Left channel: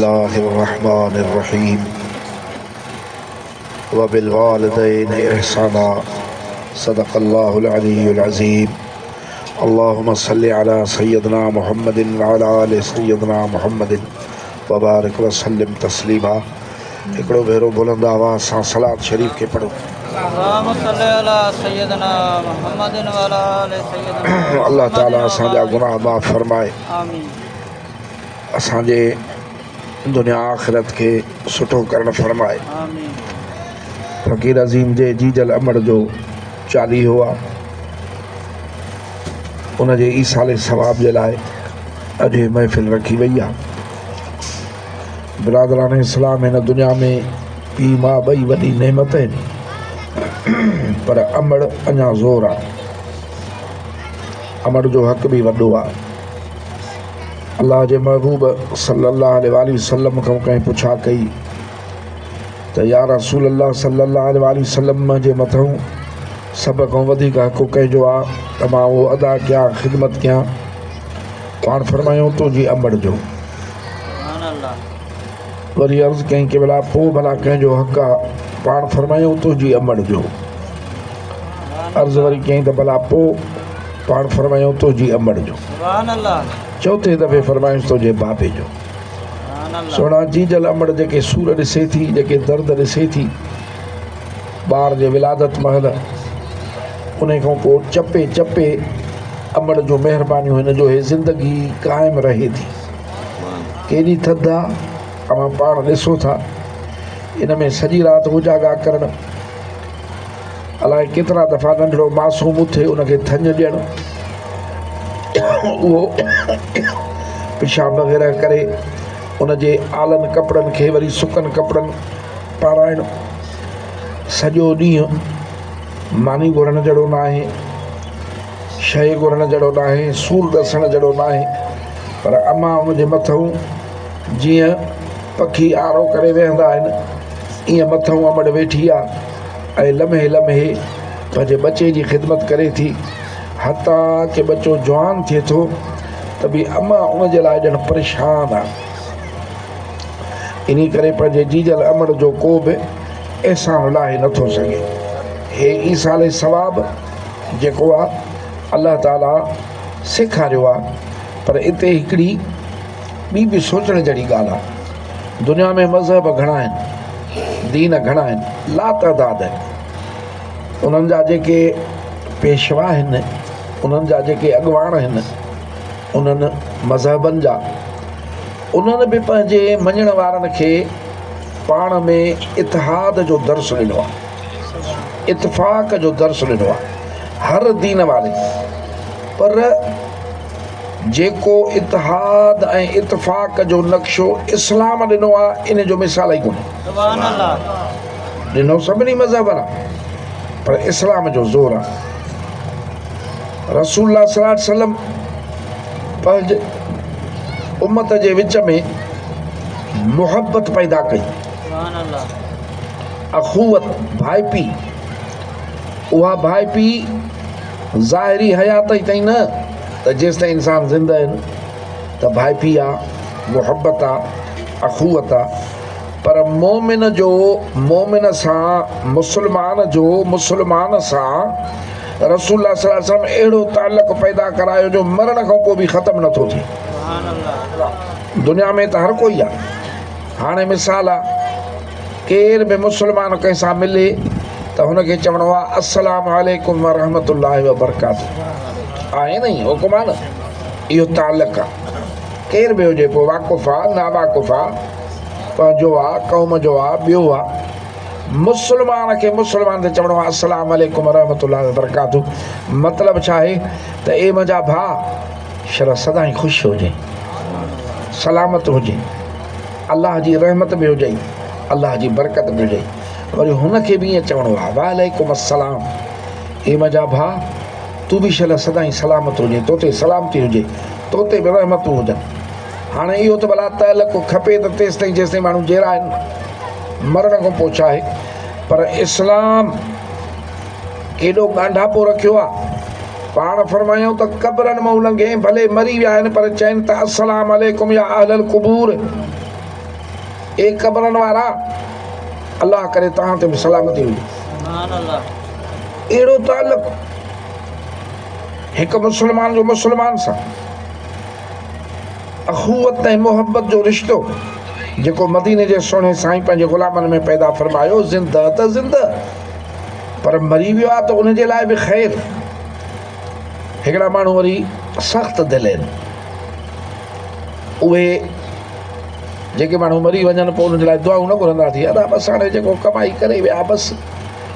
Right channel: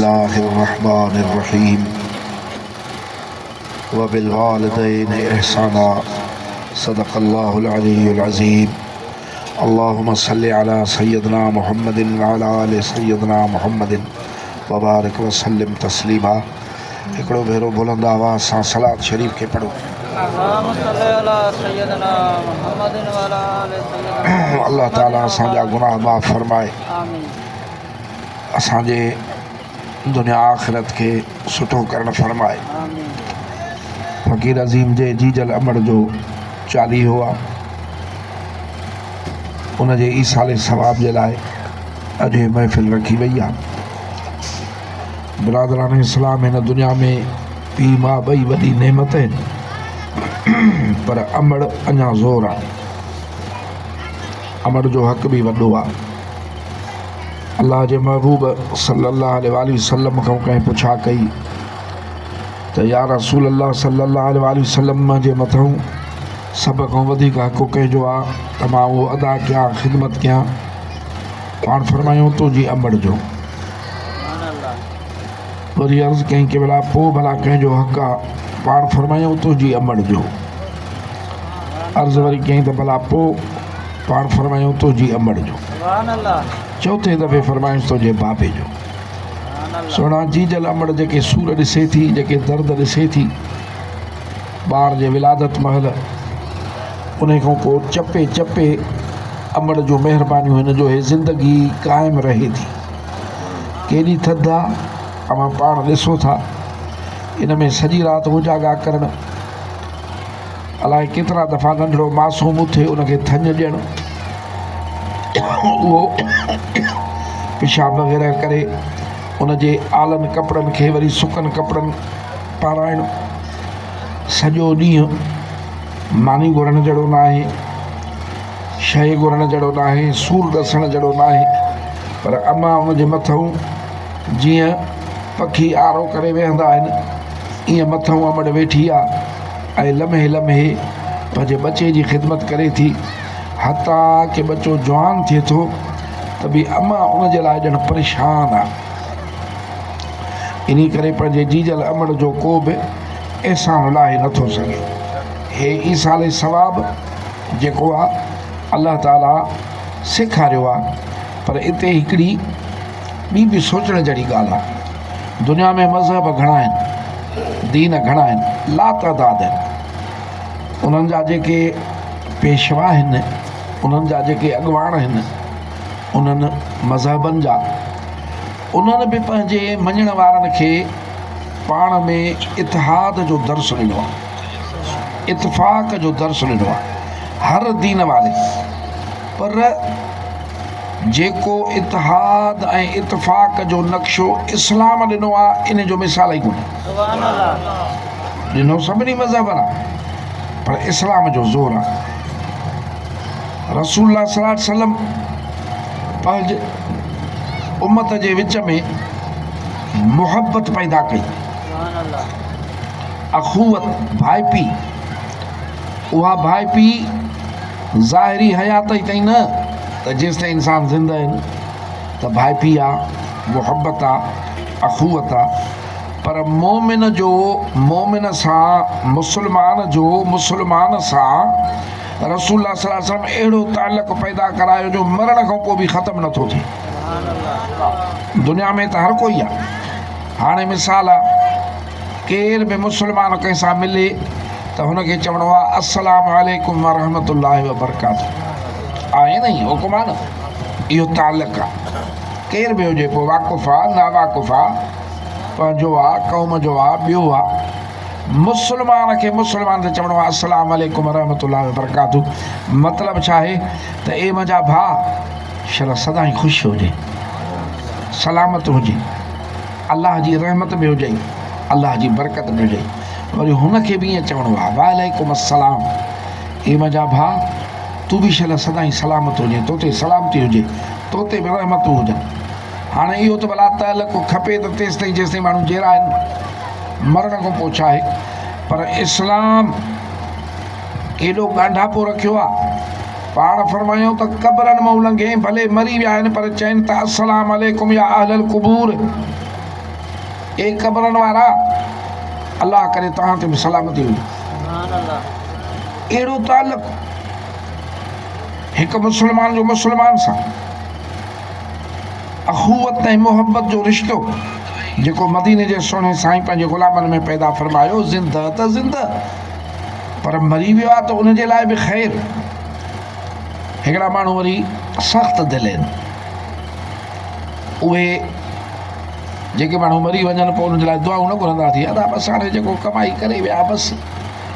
बिस्मिल्लाहिर्रहमानिर्रहीम व बिलवालिदैन इहसाना सदक़ल्लाहुल अलीयुल अज़ीम। अल्लाहुम्मा सल्लि अला सय्यदना मुहम्मदिन व अला आलि सय्यदना मुहम्मदिन व बारिक व सल्लिम तस्लीमा। हिकिड़ो भेरो बुलंद आवाज़ सां सलात शरीफ़ खे पढ़ो। अल्लाह ताला असांजा गुनाह माफ़ फरमाए, असांजे दुनिया आख़िरत के सुठो करण फरमाए। फ़कीर अज़ीम जे जीजल अमड़ जो चालीहो आहे, उन जे ईसाले सवाब जे लाइ अॼु महफ़िल रखी वई आहे। बिरादरान इस्लाम, हिन दुनिया में पीउ माउ ॿई वॾी नेमत आहिनि, पर अमड़ अञा ज़ोर आहे। अमड़ जो हक़ बि वॾो आहे। अल्लाह जे महबूब सल्लल्लाहु अलैहि वसल्लम खां कंहिं पुछा कई त या रसूल अल्लाह सल्लल्लाहु अलैहि वसल्लम जे मथां सभ खां वधीक हक़ कंहिंजो आहे त मां उहो अदा कयां, ख़िदमत कयां? पाण फरमायूं तुंहिंजी अमड़ जो। वरी अर्ज़ु कई कि भला पोइ भला कंहिंजो हक़ आहे? पाण फरमायूं तुंहिंजी अमड़ जो। अर्ज़ु वरी कई त भला पोइ? पाण फरमायूं तुंहिंजी अमड़ जो। चौथे दफ़े फरमायूं तुंहिंजे बाबे जो। सोना जीजल अमड़ जेके सूर ॾिसे थी, जेके दर्द ॾिसे थी ॿार जे विलादत महिल, उन खां पोइ चपे चपे अमड़ जो महिरबानियूं हिन जो हे ज़िंदगी क़ाइमु रहे थी। केॾी थधि आहे, तव्हां पाण ॾिसो था। इन में सॼी राति उजागा करणु, अलाए केतिरा दफ़ा नंढिड़ो मासूम उथे उनखे थञ ॾियणु, उहो पेशाब वग़ैरह करे उनजे आलनि कपिड़नि खे वरी सुकनि कपिड़नि पाराइणु। सॼो ॾींहुं मानी घुरण जहिड़ो न आहे, शइ घुरण जहिड़ो न आहे, सूर ॾसण जहिड़ो न आहे, पर अम्मा उनजे मथां जीअं पखी आरो करे वेहंदा आहिनि, ईअं मथां अमड़ वेठी आहे ऐं लम्हे लम्हे पंहिंजे बचे जी ख़िदमत करे थी। हता कि बच्चो जवान थिए थो त बि अम्मा उनजे लाइ ॼण परेशान आहे। इन करे पंहिंजे जीजल अमड़ जो को बि एहसान लाहे नथो सघे। हे ईसाले सवाब जेको आहे अल्लाह ताला सेखारियो आहे। पर इते हिकिड़ी ॿी बि सोचण जहिड़ी ॻाल्हि आहे। दुनिया में मज़हब घणा आहिनि, दीन घणा आहिनि, लातदाद आहिनि। उन्हनि जा जेके पेशवा आहिनि, उन्हनि जा जेके अॻुवाण आहिनि, उन्हनि मज़हबनि जा, उन्हनि बि पंहिंजे मञण वारनि खे पाण में इतिहाद जो दर्स ॾिनो आहे, इतफ़ाक़ जो दर्स ॾिनो आहे, हर दीन वारे। पर जेको इतिहाद ऐं इतफ़ाक़ जो नक्शो इस्लाम ॾिनो आहे, इन जो मिसाल ई कोन्हे। ॾिनो सभिनी मज़हबनि आहे, पर इस्लाम जो ज़ोर आहे। रसूलुल्लाह सल्लल्लाहु अलैहि वसल्लम पंहिंजे उम्मत जे विच में मुहबत पैदा कई, अखुवत, भाई पी। उहा भाई पी ज़ाहिरी हयात ई ताईं न, त जेसि ताईं इंसान ज़िंदा आहिनि त भाई पी आहे, मुहबत आहे, अखुवत आहे। पर मोमिन जो मोमिन सां, मुस्लमान जो मुस्लमान सां रसूलुल्लाह सल्लल्लाहु अलैहि वसल्लम अहिड़ो ताल्लुक़ पैदा करायो जो मरण खां पोइ बि ख़तमु नथो थिए। दुनिया में त हर कोई आहे। हाणे मिसाल आहे, केर बि मुस्लमान कंहिं सां मिले त हुनखे चवणो आहे अस्सलामु अलैकुम व रहमतुल्लाहि व बरकातुहू। आहे न ई हुकुम आहे न, इहो ताल्लुक़ आहे। केर बि हुजे, पोइ वाक़ुफ़ु आहे, नावाक़ुफ़ु आहे, पंहिंजो आहे, क़ौम जो आहे, ॿियो आहे, मुस्लमान खे मुस्लमान ते चवणो आहे अस्सलामु अलैकुम व रहमतुल्लाहि व बरकातुहू। मतिलबु छा आहे त ए मुंहिंजा भाउ, शर सदाईं ख़ुशि हुजे, सलामत हुजे, अलाह जी रहमत बि हुजे, अलाह जी बरकत बि हुजे। वरी हुनखे बि ईअं चवणो आहे वालेकुम अस्सलाम, ए मुंहिंजा भाउ, तूं बि शल सदाईं सलामत हुजे, तो ते सलामती हुजे, तो ते बि रहमतूं हुजनि। हाणे इहो त भला ताल्लुक़ खपे त तेसि ताईं जेसि ताईं माण्हू जहिड़ा आहिनि, मरण खां पोइ छा आहे। पर इस्लाम केॾो ॻांढापो रखियो आहे। पाण फरमायूं त क़बरनि मां लंघे, भले मरी विया आहिनि, पर चवनि था अस्सलाम अलैकुम या अहलल क़ुबूर, ए कबरन वारा अल्लाह करे तहां ते सलामती हुई। एड़ो ताल्लुक एक मुसलमान जो मुसलमान सा अखुवत ऐं मोहब्बत जो रिश्तो जेको मदीने जे सोने साईं पंहिंजे गुलामनि में पैदा फरमायो, ज़िंदा त ज़िंदा पर मरी वियो आहे त उन जे लाइ बि ख़ैर। हिकिड़ा माण्हू वरी सख़्त दिलि आहिनि, उहे जेके माण्हू मरी वञनि पोइ उन जे लाइ दुआऊं न घुरंदा थी, अदा बसि हाणे जेको कमाई करे विया बसि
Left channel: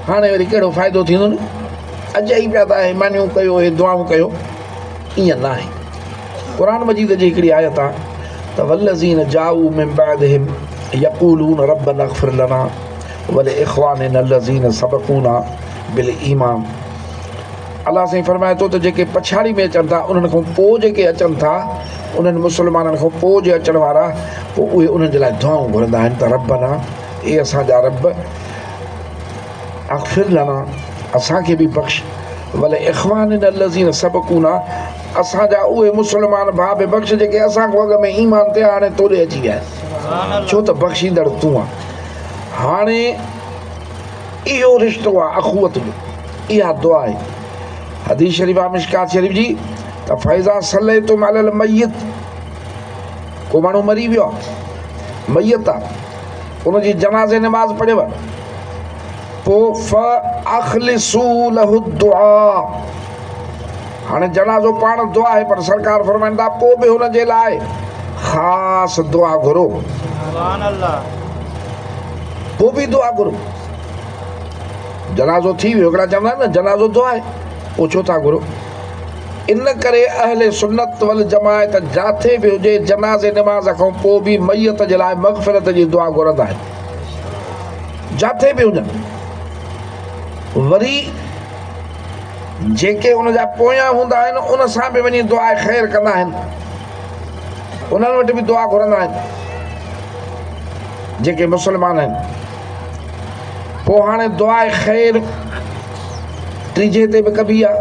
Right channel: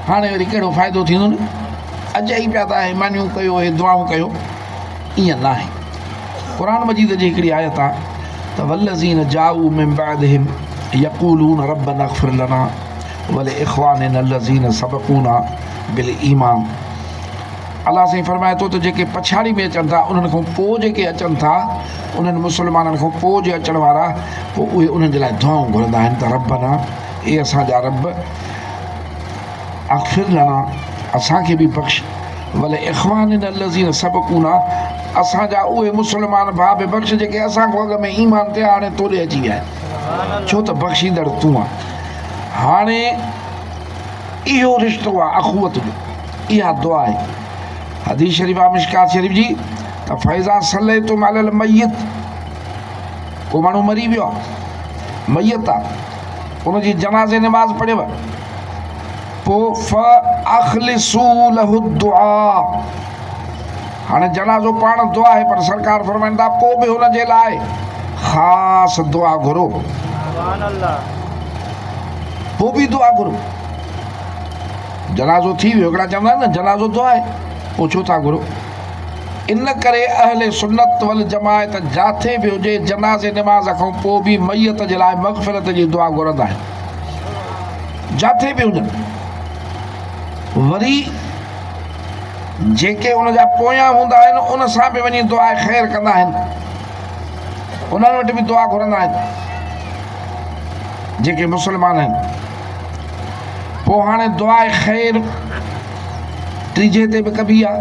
हाणे वरी कहिड़ो फ़ाइदो थींदो न, अॼु ई पिया था हिमानियूं कयो, हे दुआऊं कयो। ईअं न आहे। क़ुरान मजीद जी हिकिड़ी आयत आहे त वल्लज़ीन जाऊ मिन बअदिहिम यक़ूलून रब्बना इग़फिर लना वलिइख़वानिना allज़ीन सबक़ूना बिल ईमान। अल्लाह साईं फरमाए थो त जेके पछाड़ी में अचनि था उन्हनि खां पोइ जेके अचनि था, उन्हनि मुसलमाननि खां पोइ जे अचण वारा, पोइ उहे उन्हनि जे लाइ दुआऊं घुरंदा आहिनि त रब्बना, ए असांजा रब, इग़फिर लना, असांखे बि बख़्श, वलिइख़वानिना allज़ीन सबक़ूना, असांजा उहे मुसलमान भाउ बि बख़्श जेके असां खां अॻ में ईमान ते हाणे तोड़े अची विया आहिनि, छो त बख़्शींदड़ तूं आहे। हाणे इहो रिश्तो आहे अखुवत जो, इहा दुआ आहे। हदीस शरीफ़ आहे मिशकात शरीफ़ जी त फ़इज़ा सल्लैतुम अलल मय्यत, को माण्हू मरी वियो आहे, मय्यत आहे, उनजी जनाज़े नमाज़ पढ़ेव, पोइ फ़अख़लिसू लहु दुआ। हाणे जनाज़ो पाण दुआ आहे पर सरकार फरमाइनि था पोइ बि हुन जे लाइ ख़ासि दुआ घुरो, पोइ बि दुआ घुरो। जनाज़ो थी वियो, हिकिड़ा चवंदा आहिनि न जनाज़ो दुआ आहे, पोइ छो था घुरो? इन करे अहले सुन्नत वल जमायत जिथे बि हुजे जनाज़े नमाज़ खां पोइ बि मयत जे लाइ मग़फ़िरत जी दुआ घुरंदा आहिनि, जिथे बि हुजनि। वरी जेके उन जा पोयां हूंदा आहिनि उन सां बि वञी दुआ ख़ैर कंदा आहिनि, उन्हनि वटि बि दुआ घुरंदा आहिनि जेके मुसलमान आहिनि। पोइ हाणे दुआ ख़ैर टीजे ते बि कबी आहे,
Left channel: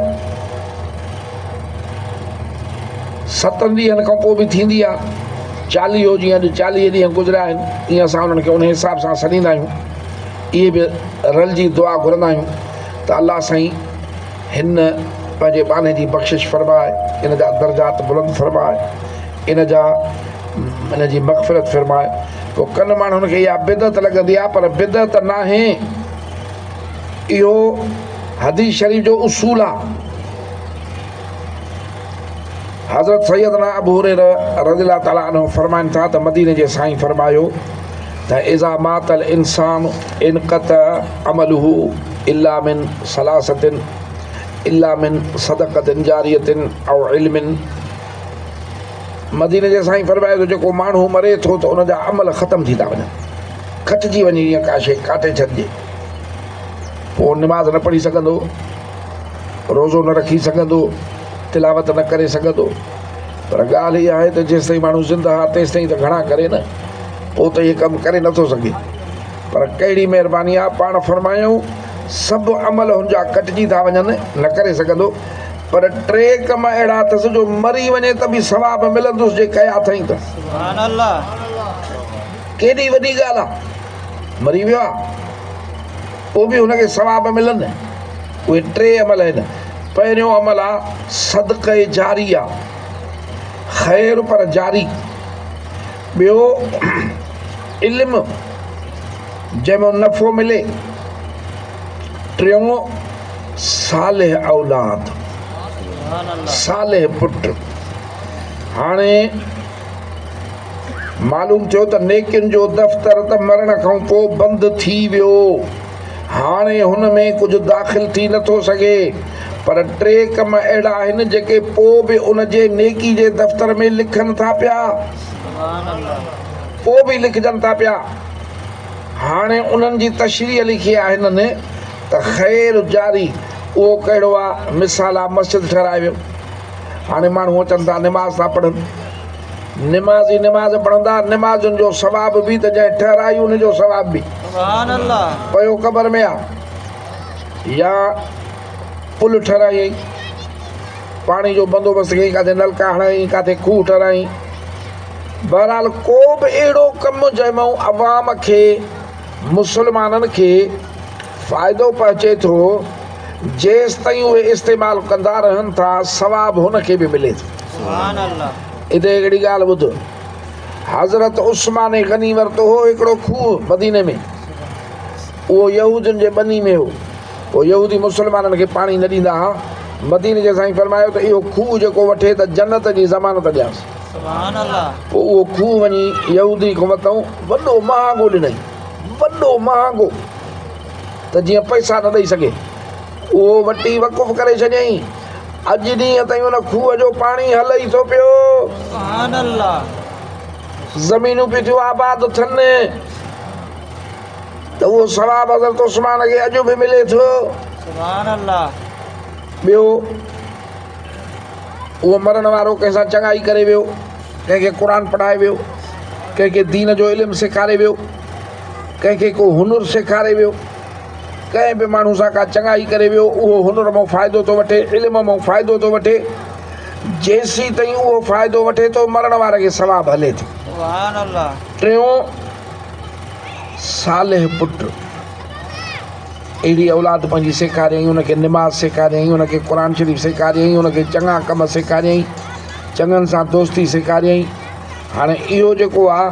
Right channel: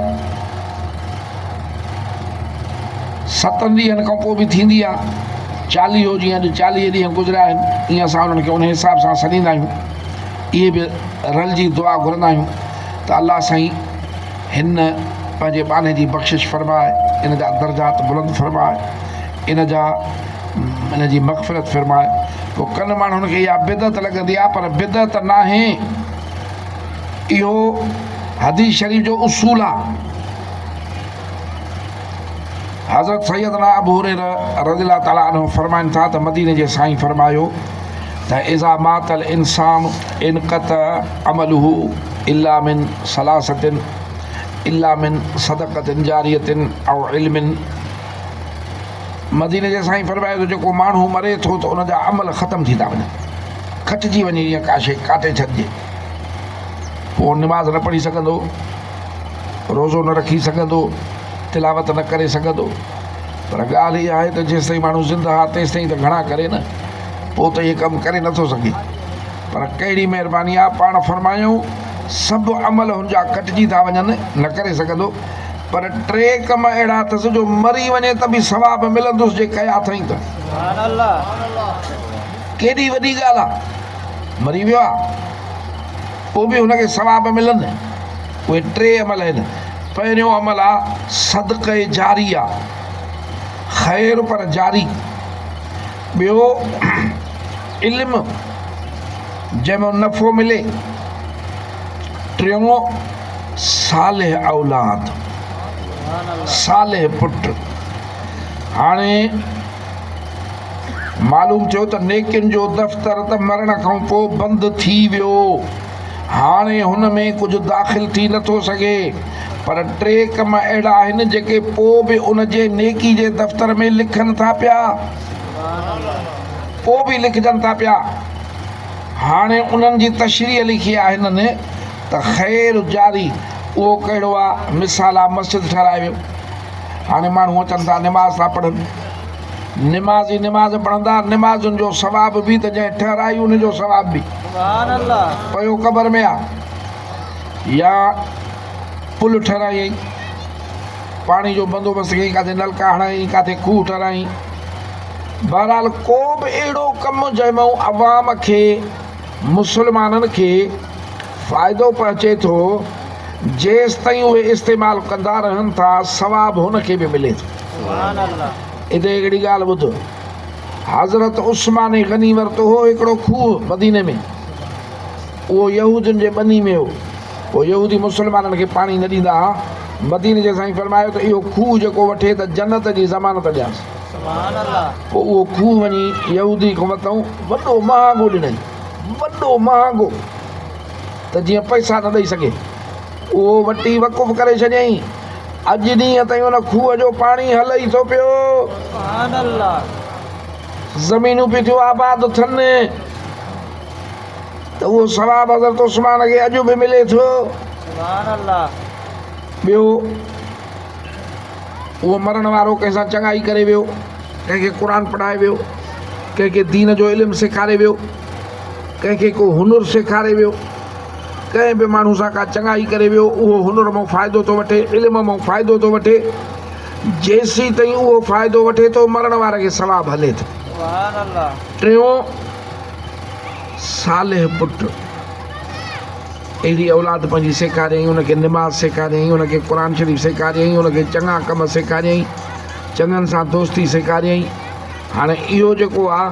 7 ॾींहंनि खां पोइ बि थींदी आहे। 40 जीअं अॼु 40 ॾींहं गुज़रिया आहिनि, ईअं असां उन्हनि खे उन हिसाब सां सॾींदा आहियूं। इहे बि रलिजी दुआ घुरंदा आहियूं त अल्लाह साईं हिन पंहिंजे बाने जी बख़्शिश फरमाए, इन जा दर्जात बुलंद फरमाए, इन जी मग़फ़िरत फरमाए। पोइ कन माण्हुनि खे इहा बिदत लॻंदी आहे, पर बिदत न आहे, इहो हदीस शरीफ़ जो उसूल आहे। हज़रत सैयदना अबू हुरैरा रज़ियल्लाहु ताला अन्हु फरमाइनि था त मदीने जे साईं फरमायो त इज़ा मातल इंसान इनक़त अमलुहु इल्ला मिन सलासतिन इल्ला मिन सदक़तिन जारियतिन औ इल्मिन। मदीने जे साईं फरमाए थो जेको माण्हू मरे थो त उन जा अमल ख़तम थी था वञनि, कटिजी वञे, ईअं का शइ काटे छॾिजे। पोइ निमाज़ न पढ़ी सघंदो, रोज़ो न रखी सघंदो, तिलावत न करे सघंदो। पर ॻाल्हि इहा आहे त जेसि ताईं माण्हू ज़िंदा आहे तेसि ताईं त घणा करे न, पोइ त इहे कमु करे नथो सघे। पर कहिड़ी महिरबानी आहे, पाण फरमायूं सभु अमल हुनजा कटिजी था वञनि, न करे सघंदो, पर 3 कम अहिड़ा अथसि जो मरी वञे त बि सवाब मिलंदुसि जे कया अथई त। केॾी वॾी ॻाल्हि आहे, मरी वियो आहे पोइ बि हुनखे सवाब मिलनि। उहे 3 अमल आहिनि। पहिरियों अमल आहे सदक़े जारी आहे, ख़ैर पर जारी। ॿियो इल्मु जंहिंमें नफ़ो मिले। टियों सालिह औलाद, सालिह पुट। हाणे मालूम थियो त नेकियुनि जो दफ़्तर त मरण खां पोइ बंदि थी वियो, हाणे हुन में कुझु दाख़िल थी नथो सघे। पर 3 कम अहिड़ा आहिनि जेके पोइ बि उन जे नेकी जे दफ़्तर में लिखनि था पिया, पोइ बि लिखजनि था पिया। हाणे उन्हनि जी तशरीह लिखी आहे हिननि त ख़ैर जारी। उहो कहिड़ो आहे? मिसाल आहे, मस्जिद ठहिराए वियो, हाणे माण्हू अचनि था निमाज़ था पढ़नि, निमाज़ी निमाज़ पढ़ंदा, निमाज़ुनि जो सवाब बि त जंहिं ठहिराई उनजो सवाब बि पियो क़बर में आहे। या पुल ठहिराई, पाणी जो बंदोबस्तु कई, किथे नलका हणाई, किथे खूह ठहिराई, बहरहाल को बि अहिड़ो कमु जंहिंमां अवाम खे मुस्लमाननि खे फ़ाइदो पहुचे थो जेसि ताईं उहे इस्तेमालु कंदा रहनि था सवाबु हुनखे बि मिले थो। हिते हिकिड़ी ॻाल्हि ॿुधो, हज़रत उस्मान गनी वरितो हो हिकिड़ो खूह मदीने में, उहो यहूदियुनि जे ॿनी में हो। उहो यहूदी मुस्लमाननि खे पाणी न ॾींदा हुआ। मदीने जे साईं फरमायो त इहो खूह जेको वठे त जन्नत जी ज़मानत ॾियांसि। पोइ उहो खूह वञी यहूदी खां वरितऊं, वॾो महांगो ॾिनई, वॾो महांगो त जीअं पैसा न ॾेई सघे। उहो वठी वक़ुफ़ करे छॾियईं। अॼु ॾींहं ताईं हुन खूह जो पाणी हले ई थो पियो, ज़मीनूं पियूं थियूं आबाद थियनि, त उहो सवाब हज़रत उस्मान खे अॼु बि मिले थो। ॿियो, उहो मरण वारो कंहिंसां चङाई करे वियो, कंहिंखे क़ुर पढ़ाए वियो, कंहिंखे दीन जो इल्मु सेखारे वियो, कंहिंखे को हुनुर सेखारे वियो, कंहिं बि माण्हू सां का चङाई करे वियो, उहो हुनुर मां फ़ाइदो थो वठे, इल्म मां फ़ाइदो थो वठे। जेसीं ताईं उहो फ़ाइदो वठे थो मरण वारे खे सवाबु हले थो। टियों, सालिह पुटु, अहिड़ी औलाद पंहिंजी सेखारियईं, हुनखे निमाज़ सेखारियईं, हुनखे क़ुर शरीफ़ सेखारियईं, हुनखे चङा कम सेखारियईं, चङनि सां दोस्ती सेखारियईं। हाणे इहो जेको आहे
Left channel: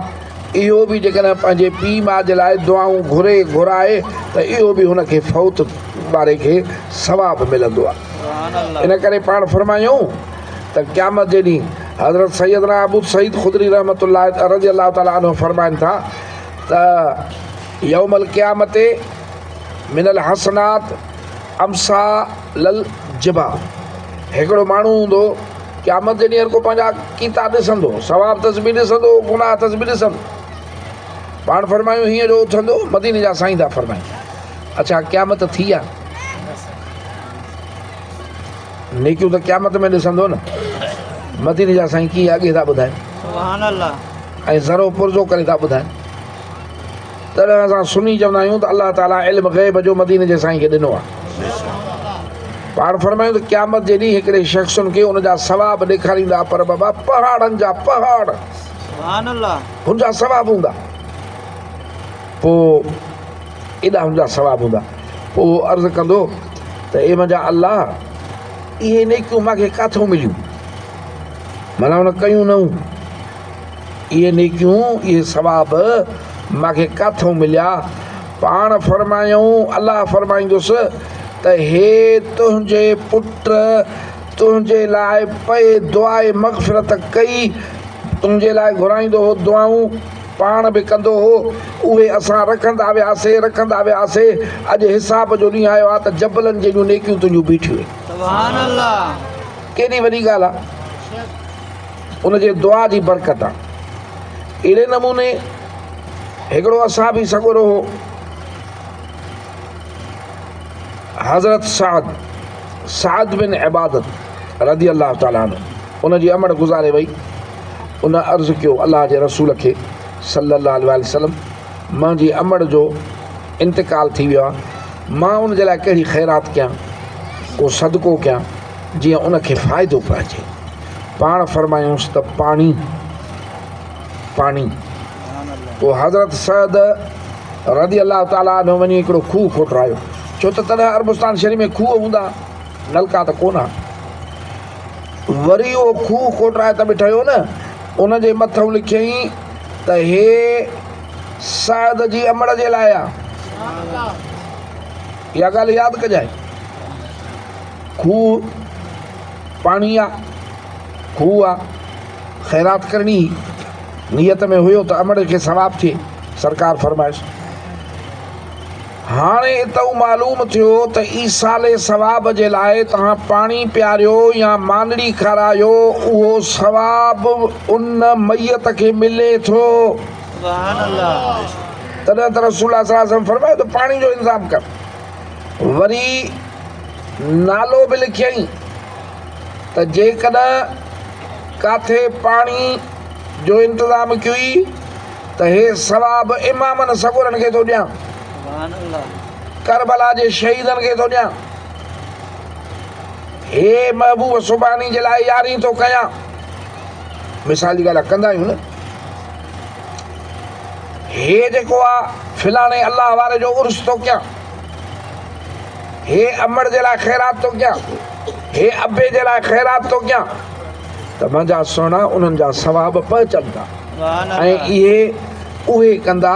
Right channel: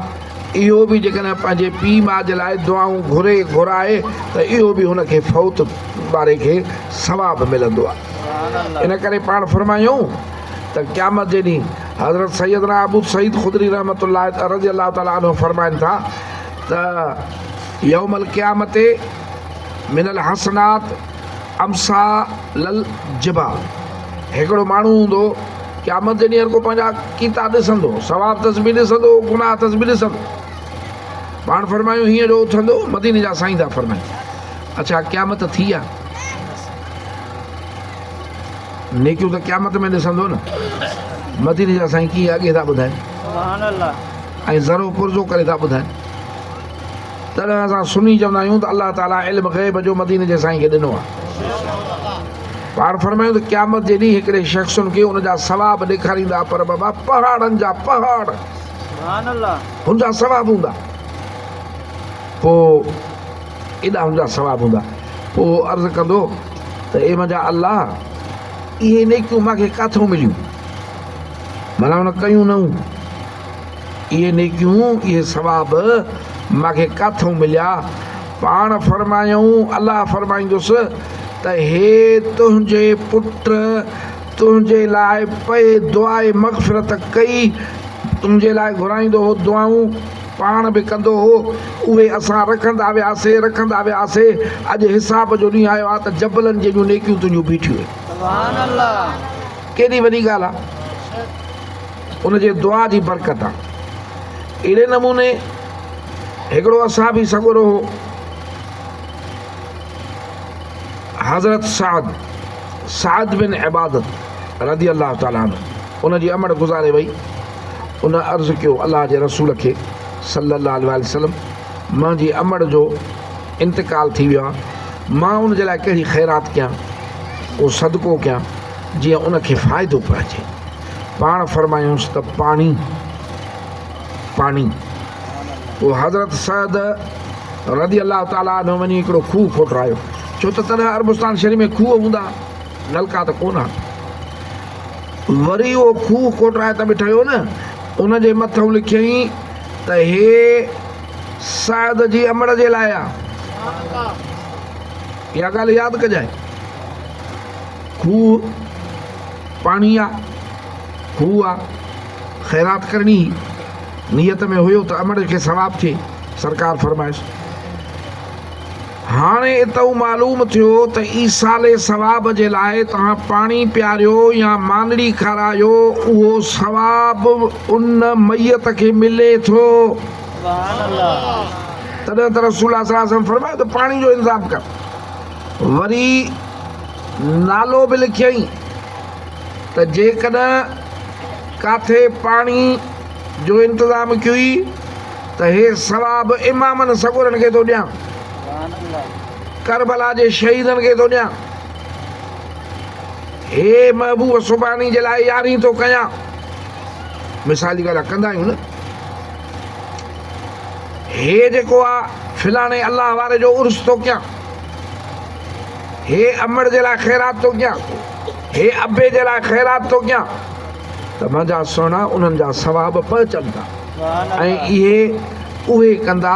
इहो बि जेकॾहिं पंहिंजे पीउ माउ जे लाइ दुआऊं घुराए त इहो बि हुनखे फ़ौत वारे खे सवाबु मिलंदो आहे। इन करे पाण फरमायूं त क़यामत जे ॾींहुं हज़रत सैयदना अबू सईद ख़ुदरी रहमतुल्लाह रज़ी अल्लाह ताला अन्हु फरमाइनि था त यौमल क़यामत मिनल हसनात अमसालल जिबा, हिकिड़ो माण्हू हूंदो क़यामत जे ॾींहुं को पंहिंजा कीता ॾिसंदो, सवाब तस्बी ॾिसंदो, गुनाह तस्बी ॾिसंदो। पाण फरमायूं हीअं जो उथंदो, मदीने जा साईं था फरमाइनि। अच्छा, क़यामत थी आहे, नेकियूं त क़यामत में ॾिसंदो न। मदीने जा साईं कीअं अॻे था ॿुधाइनि ऐं ज़रो पुरज़ो करे था ॿुधाइनि। तॾहिं असां सुनी चवंदा आहियूं त अलाह ताला इल्मु ग़ैब जो मदीने जे साईं खे ॾिनो आहे। पाण फरमायूं त क़यामत जे ॾींहुं हिकिड़े शख़्सुनि खे हुनजा सवाब ॾेखारींदा, पर बाबा पहाड़नि जा पहाड़ हुनजा सवाब हूंदा। पोइ एॾा हुनजा सवाब हूंदा। पोइ अर्ज़ु कंदो त ए मुंहिंजा अलाह, इहे नेकियूं मूंखे किथां मिलियूं, माना हुन कयूं न, इहे नेकियूं इहे सवाब मूंखे किथां मिलिया। पाण फरमायूं, अलाह फरमाईंदुसि त हे तुंहिंजे पुट तुंहिंजे लाइ पए दुआए मग़फ़िरत कई, तुंहिंजे लाइ घुराईंदो हो दुआऊं, पाण बि कंदो हो, उहे असां रखंदा वियासीं। अॼु हिसाब जो ॾींहुं आयो आहे त जबलनि जहिड़ियूं नेकियूं तुंहिंजूं बीठियूं आहिनि। केॾी वॾी ॻाल्हि आहे, उनजे दुआ जी बरकत आहे। अहिड़े नमूने हिकिड़ो असां बि सॻुरो हो, हज़रत साद बिन इबादत रज़ी अल्लाह ताला अन्हु, उनजी अमड़ गुज़ारे वई। उन अर्ज़ु कयो अल्लाह जे रसूल खे सल्लल्लाहु अलैहि वसल्लम, मुंहिंजी अमड़ जो इंतिकाल थी वियो आहे, मां उनजे लाइ कहिड़ी ख़ैरात कयां, को सदको कयां जीअं उनखे फ़ाइदो पहुचे। पाण फरमायूंसि त पाणी। पोइ हज़रत सैद रज़ी अल्लाह ताला अन्हु वञी हिकिड़ो खूह खोटरायो, छो त तॾहिं अरबस्तान शरीफ़ में खूह हूंदा, नलका त कोन। वरी उहो खूह खोटराए त ॿिठयो न, उनजे मथां लिखियईं त हे सैद जी अमड़ जे लाइ आहे। इहा ॻाल्हि यादि कजांइ, खूह पाणी आहे, खूह आहे, ख़ैरात करणी नियत में हुयो त अमड़ खे सवाब थिए, सरकार फरमाइश। हाणे इतो मालूम थियो त ईसाले सवाब जे लाइ तव्हां पाणी पियारियो या मांदड़ी खारायो, उहो सवाब उन मैयत खे मिले थो। तॾहिं त रसूल सल्लल्लाहु अलैहि वसल्लम फरमायो त पाणी जो इंतज़ाम कर। वरी नालो बि लिखियईं त जेकॾहिं काथे पाणी जो इंतज़ाम कई त हे सवाब इमामनि सॻुरनि खे थो ॾियां, करबला जे शहीदनि खे थो ॾियां, हे महबूब सुबानी जे लाइ यारी थो कयां। मिसाल जी ॻाल्हि कंदा आहियूं न, हे जेको आहे फिलाणे अल्लाह वारे जो उर्स थो कयां, हे अमड़ जे लाइ ख़ैरात थो कयां, हे अबे जे लाइ ख़ैरात थो कयां, त मुंहिंजा सुहिणा उन्हनि जा सवाब पहुचनि था। ऐं इहे उहे कंदा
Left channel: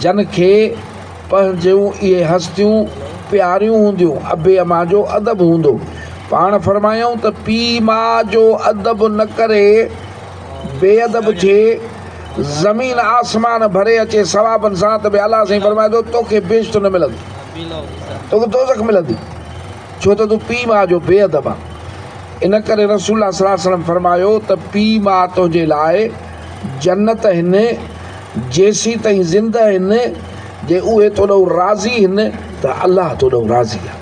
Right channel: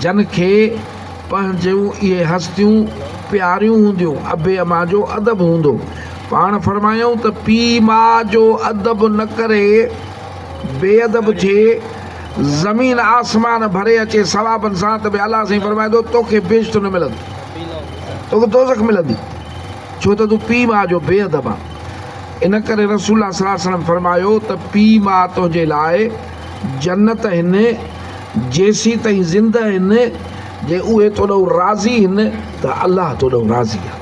जन खे पंहिंजूं इहे हस्तियूं प्यारियूं हूंदियूं, अबे अमा जो अदब हूंदो। पाण फरमायूं त पीउ माउ जो अदब न करे बेअदब थिए, ज़मीन आसमान भरे अचे सवाबनि सां, त बि अलाह साईं फरमाए थो तोखे बेइज़्ज़त न मिलंदी, तोखे दोज़ख मिलंदी, छो त तूं पीउ माउ जो बेअदब आहे। इन करे रसूल सल्लल्लाहु अलैहि वसल्लम फरमायो त पीउ माउ तुंहिंजे लाइ जन्नत आहिनि, जेसी ताईं ज़िंदा आहिनि, जे उहे तोॾो राज़ी आहिनि त अलाह तोॾो राज़ी आहे।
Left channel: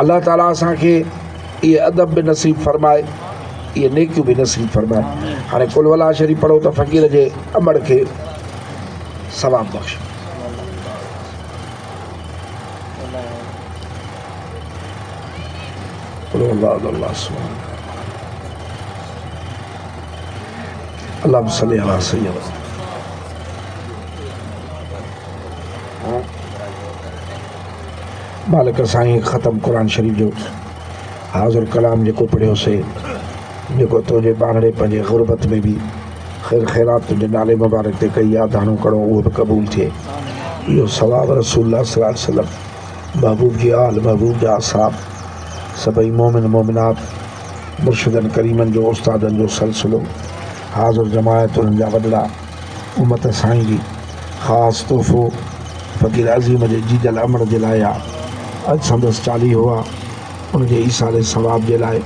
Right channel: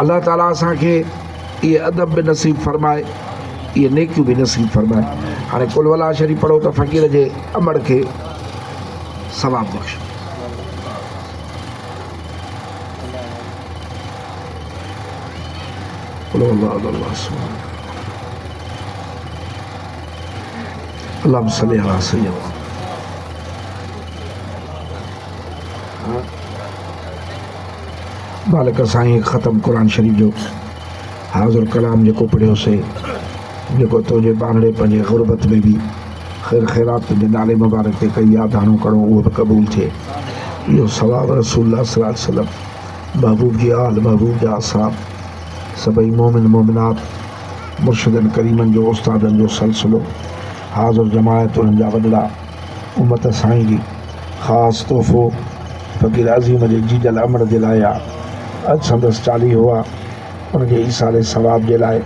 अलाह ताला असांखे इहे अदब बि नसीब फरमाए, इहे नेकियूं बि नसीब फरमाए। हाणे कुल वला शरीफ़ पढ़ो त फ़क़ीर जे अमड़ खे सवाब बख़्श। अल्लाह सल्ली अला सय्यदना मालिक साईं ख़तम क़ुरान शरीफ़ जो हाज़िर कलाम जेको पढ़ियोसीं, जेको तुंहिंजे बांगड़े पंहिंजे ग़ुरबत में बि ख़ैर ख़ैरात तुंहिंजे नाले मुबारक ते कई आहे, दाणो कड़ो उहो बि क़बूल थिए। इहो सवाब रसूलुल्लाह सल्लल्लाहु अलैहि वसल्लम, महबूब जी आल, महबूब जा असहाब, सभई मोमिन मोमिनात, मुर्शिदनि करीमनि जो उस्तादनि जो सिलसिलो, हाज़िर जमायत उन्हनि जा वॾड़ा, उम्मत साईं जी ख़ासि तोहफ़ो फ़क़ीर अज़ीम जे जीजल अमड़ जे लाइ आहे। अॼु संदसि चालीहो आहे, उनजे ईसाले सवाब जे लाइ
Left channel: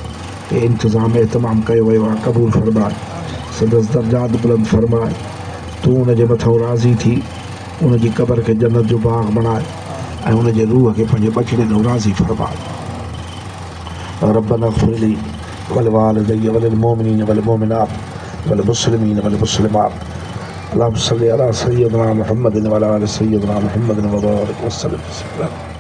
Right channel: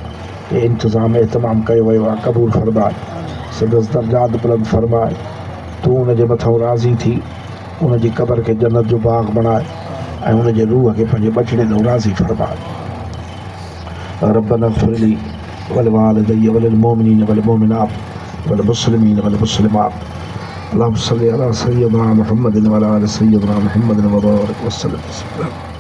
के इंतज़ाम एतमाम कयो वियो आहे। क़बूल फरमाए, संदसि दर्जात बुलंद फरमाए, तूं उनजे मथां राज़ी थी, उनजी क़बर खे जन्नत जो बाग़ बणाए ऐं उनजे रूह खे पंहिंजे बछड़े ॾांहुं राज़ी फरमाए। रब्बना इग़फिर ली वलिवालिदैया वलिलमोमिनीन वलमोमिनात वलमुस्लिमीन वलमुस्लिमात। अल्लाहुम्मा सल्लि अला सय्यिदिना मुहम्मदिन व अला आलि सय्यिदिना मुहम्मदिन व बारिक वसल्लम।